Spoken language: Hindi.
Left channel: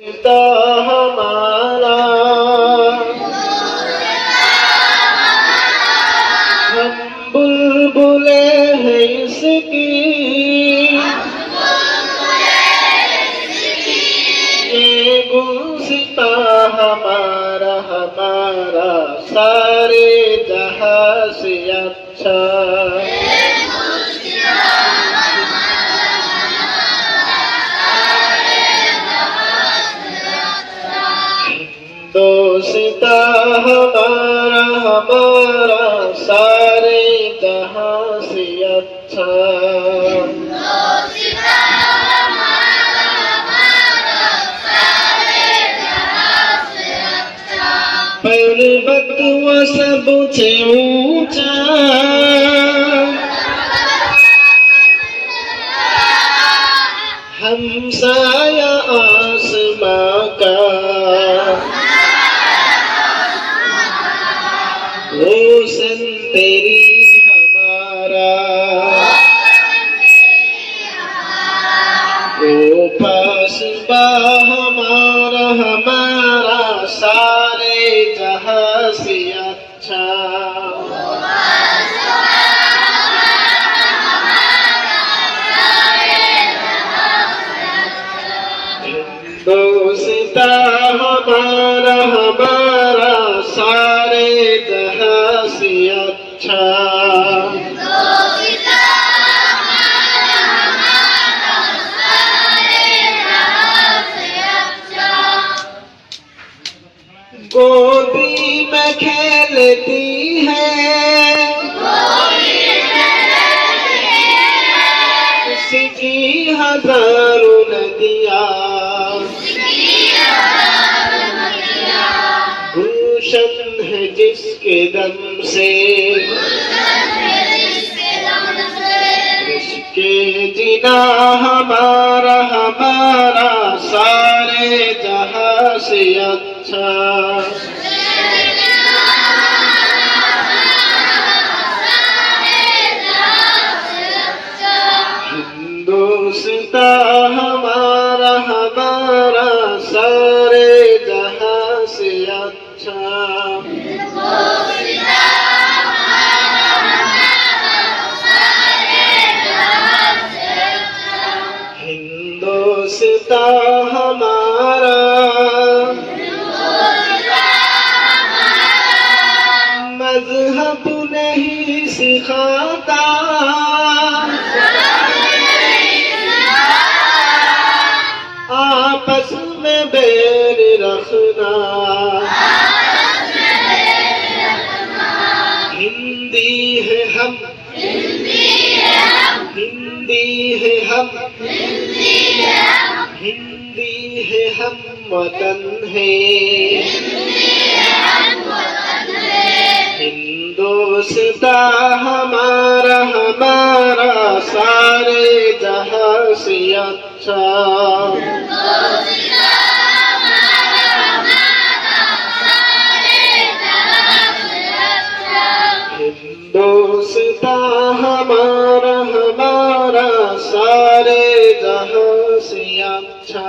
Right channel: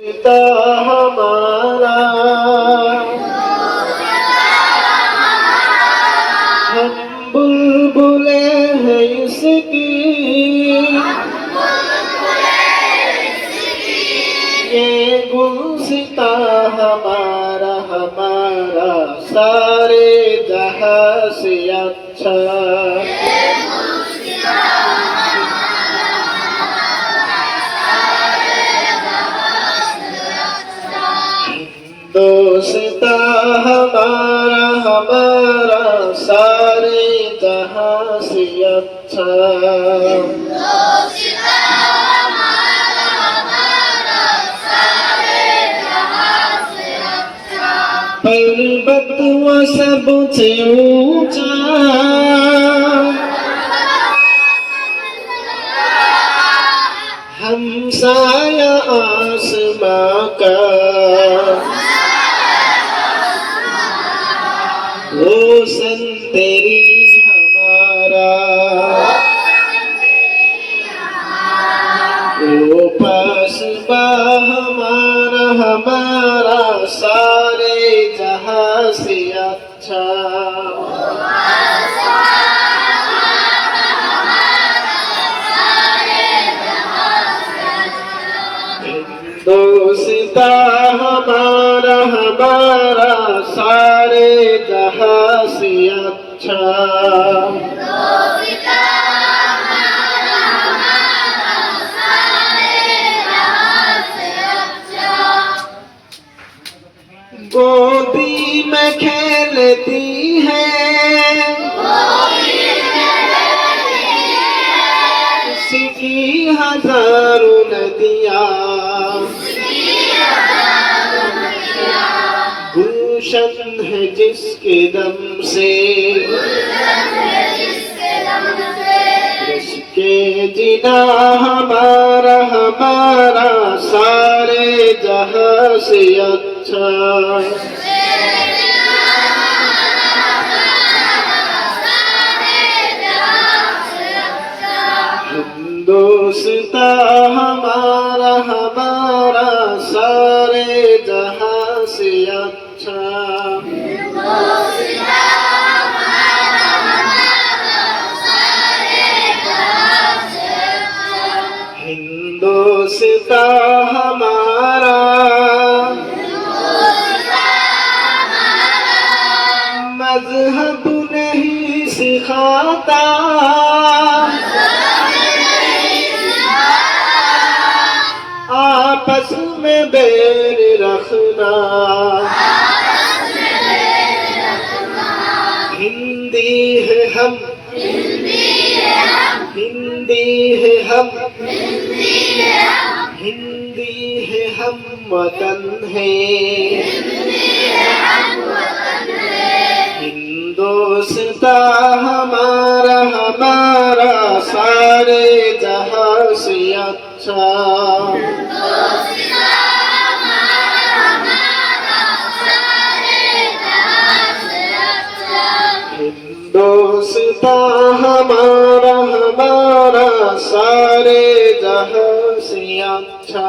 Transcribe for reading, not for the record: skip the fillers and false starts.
पिता हमारा हम बुलबुले हैं इसकी ये गुलसिता हमारा हमारा सारे जहां से अच्छा दोस्ता हमारा हमारा सारे जहां से अच्छा पर्वत व सबसे ऊंचा हमसाया आसमां का रोशन तेरी हमारा ओ पासबा हमारा हमारा सारे जहां से अच्छा दोस्ता हमारा हमारा सारे जहां से अच्छा गोदी में खेलती है उसकी हजारों नदियाँ गुलशन है जिसके दम से इसके जिना हमारा हमारा सारे जहां से अच्छा दोस्ता हमारा हमारा सारे जहां से अच्छा हिंदोस्ता हमारा मजहब नहीं सिखाता आपस में बैर रखना हिंदी है हम हिंदी है हम हिंदी है हम वतन है हिंदोस्ता हमारा हमारा सारे जहां से अच्छा दोस्ता हमारा हमारा सारे जहां से अच्छा